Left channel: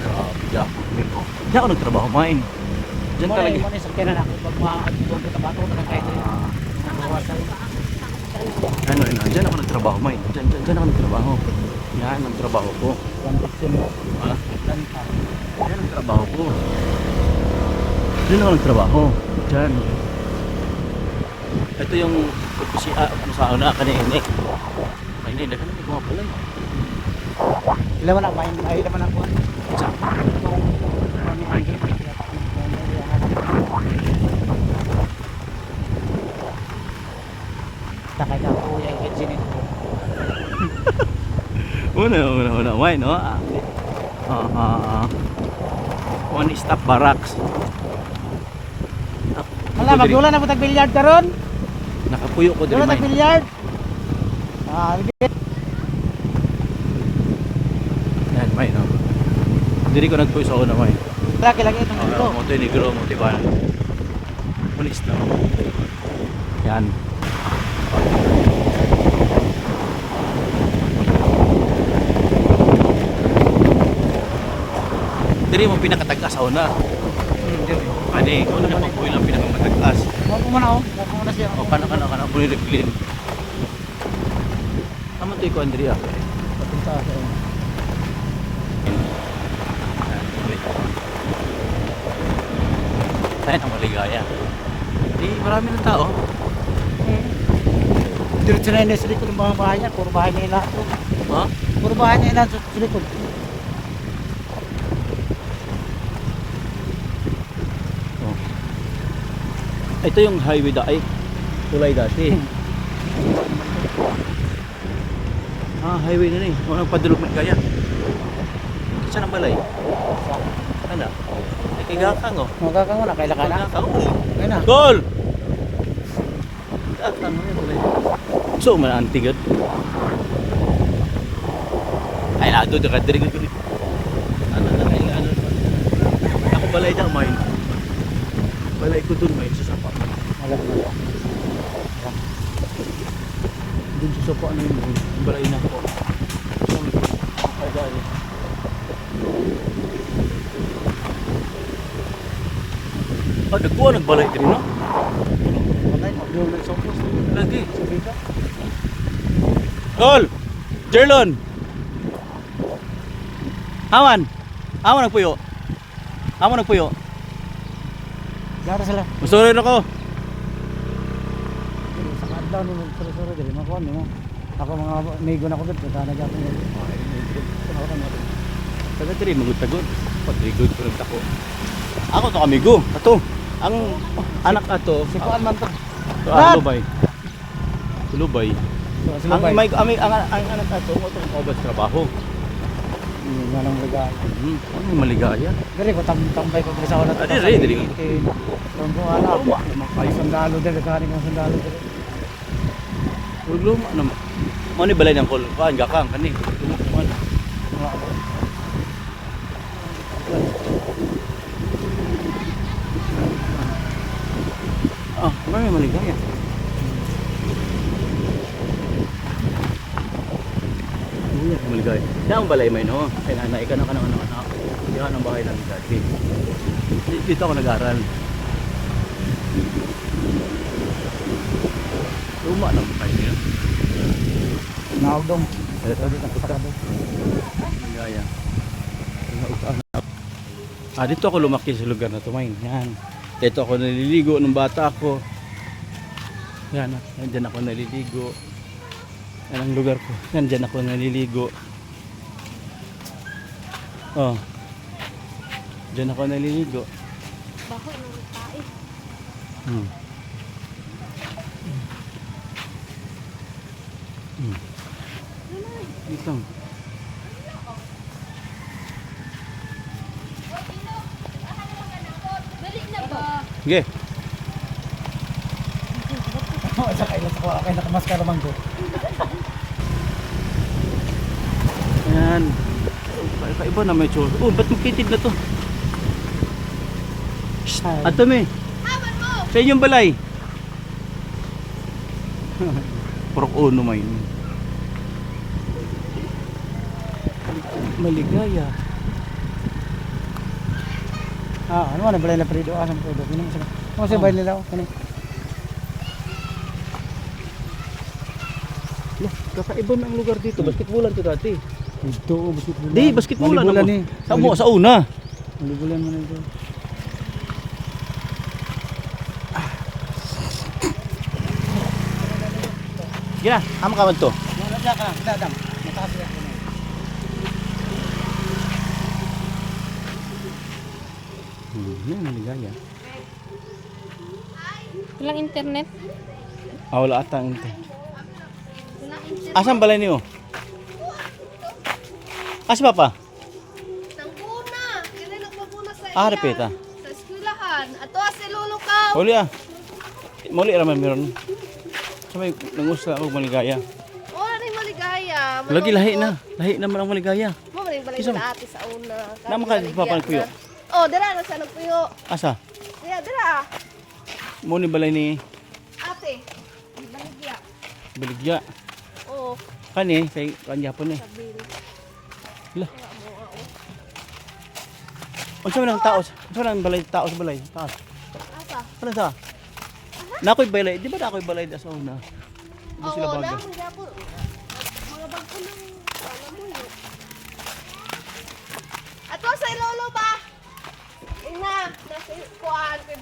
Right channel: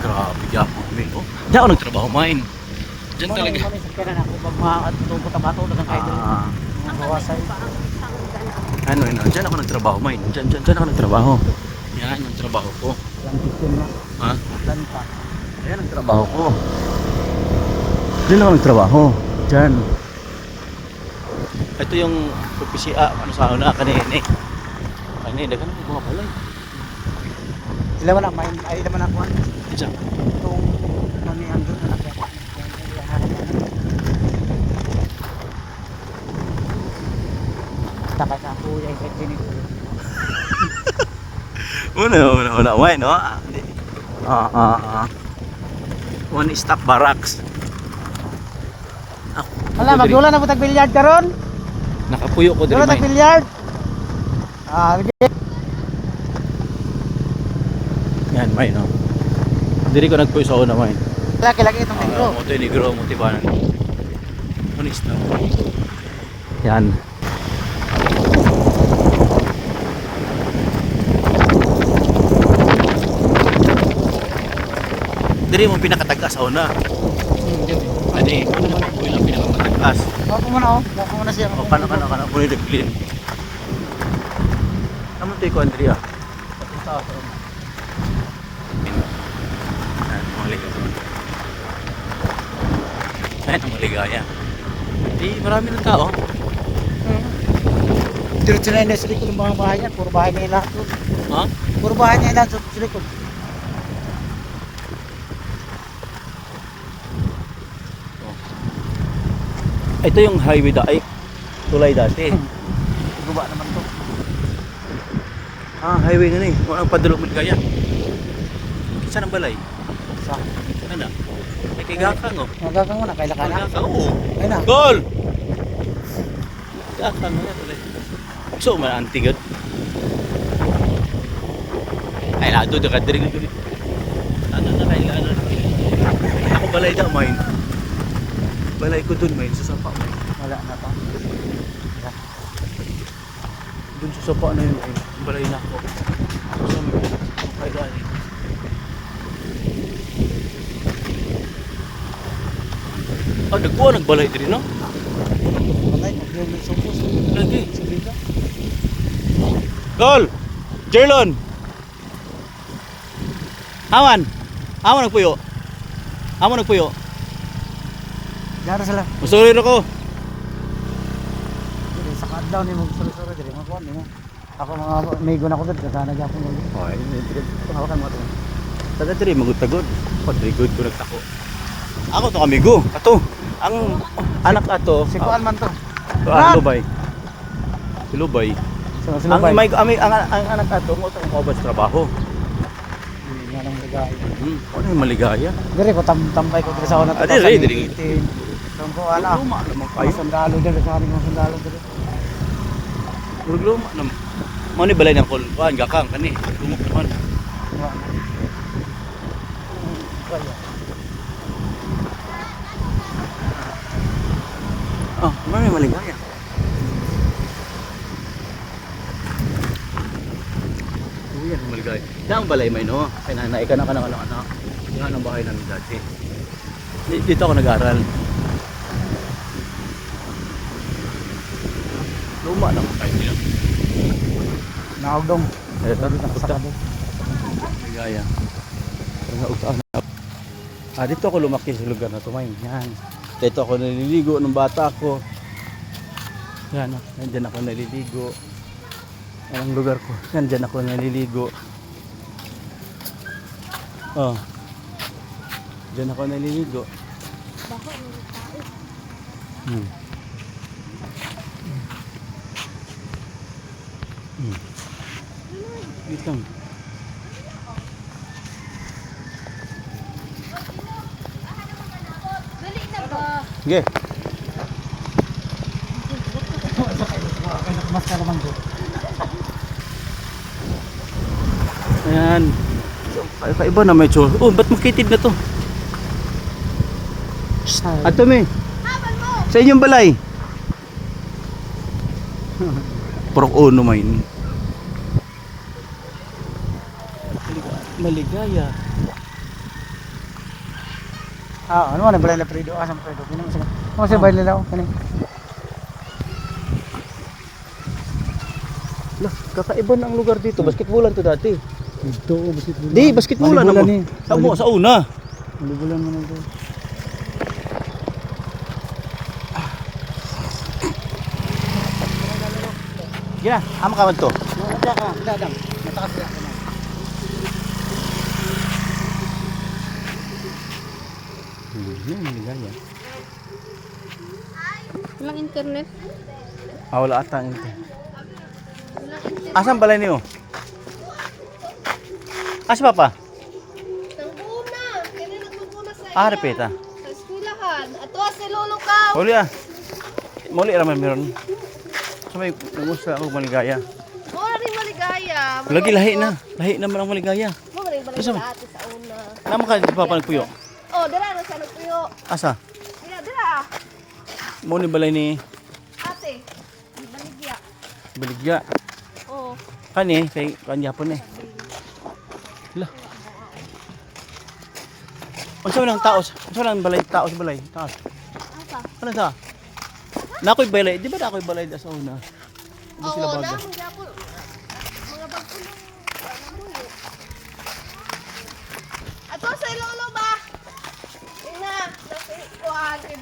Grabe yapon mil. Diyan ako nagtrabaho main. Diyan talaga. Ano yun? Diyan ako nagtrabaho main. Diyan ako nagtrabaho. Yan ang trabaho ko. Ha? Yan ang trabaho ko. Diyan ako nagtrabaho. Diyan. Ito yung opisya. Ano sa una? Kanina eh. Kanina. Dagan na mga balay. Ilan man ang main? Ay, ilan man ang kuhan? Isa. Itong kami ang takay ka po yung kitchen ito. Una, why, no? One stop barracks. Hala, magdula na po tag-billiard ka ron? Nakapuyo ko diri Dula may. tag-billiard? Yan, may, no? Diri ko nagpuyo sa una, may. Laki-laki itong ito. Moto negro, motiban. One stop. Yan. Diri mo pinakatagas sa una. Ani, ko naman ang buhay lang pinakamatagas. Mako mo na oh. Mako mo na siya. O, kana. Muli replin. Naman to ko, Andrea. Patunta sa una. Yan, maligaya. Ayan ang maligaya. Di, marami ng tao. Diretso na yun sa likod ng mga bahay niya. Puro bahay na yung lahat. Ha? Puro bahay niya yung lahat sa likod. Oh. Ito yung highway ay tulay dati. Guba naman to. Highway na ni. Kung anong padulog maligaya. Saan ang balay? Sa. Ano? May kigakang oh. Magkakang mo na. Kaila ka na. Kigakang oh. Ayun na. Goal! Kigakang oh yan balay. So, man-antigot. Ay, nado, nakadiri ko. Ano na kaila, ano na kaila. Ako balay daw, main. Balay ko dun, main. Sa sapa, main. Wala na. Dun sa sapa na yun, main. Balay na ako. Saan mo? Ay, dali. Nagkuha, nagbalay din, no? Patay, mag-yung na sopos. Lagi. Sabi ka. Goal! Jerlon! Awan! Awan nagpuyo. Awan nagpuyo. Gara sila. Masurin ako. Dili sa kadlaw ni mo suri-suri dili mo kuan nimo. Ako mga amigo na ko gud kana gyapon ko. Ay, hindi hawakan mo ito. Taga diri magutagod. Padrigod ko nagtako. Ako to amigo. Ato. Ang anak ato. Si kuan man to. Lubay. Lubay. So Ang may ang anak ato mo to ko ba sa trabaho. nga lang ligay. Ano yung maligaya? Diri ko tambay ko sa una to. Diri. Tong ko ana. Luma naman Ay kayo. sundalo diri ka mo sundalo diri. Luma naman. Mo ni balay ng kulban gakang kani. Lumok naman. Wala. May maligaya. Uy, maligaya. Daang balay may no. Kay nanay ka na kanang ano. Yan ang bahay namin dati. Dito ako nag-aral. Luma naman kayo niya. Naugdong. Ito Dito sa sakado. Maligaya. Dito ako lumaki sa lugar na tumayin. Yan. Dito ako naliligo nung bata ako. Yan, nandyan ako naliligo. Yan ang lugar ko. Nandyan ako naliligo. Oh. Diyan ako naliligo. Baho ng tae. Wait lang. Balik na ba? Sige. Akay na mas ka naman ko. Ayan. Kaiba na may chos. Oh, ba't makitid na to? Ato me. Hawan mo! Sa inyong balay. Purok uno main. Maligaya. Ah, ano man balay la Fredo, asa mo Fredo? Kini mo sige. Mo sa balay nila kani. Lah, kakaiba na ang lugar dito. Basketballan to dati. Dito basketball. Di, basketballan Malibulan naman. ni. Sa una. Malibulan man ito. Gina, ama ka man to. Dadang. Mataas ya kamay. Maligaya. Walang internet. Wala ata ang internet. Walang internet. Asan balay niyo? Asa pa pa? Nanguna. Kaya nagpapuna sa Ah, repeta. Sa eskwelahan. Ato sa lolo ka. Uli ah. Muli raman meron. Sabay nangusta ako maligaya. Mura rin maligaya. Lagi lahi na. Lahi naman ang maligaya. Mura rin Asa? maligaya ate sa una. Naman ka di pa panagpuyo. Oh, dira na sa nagpuyo. Asa? Dira. Mo ni balay ni Ate. Baligya. Baligya. Oh. Kani kay kanyapon eh. Lah. Unsa man ang taos? Unsa man ang balay taos balay? Taos. Apa? Ano sa? Nakoy balay, di ba nakoy balay da sa una? Di sila Oo, bago. naman gyapon. Mga bagko ng ano. Ato sa lolo ba? Ina, nasa kuan kay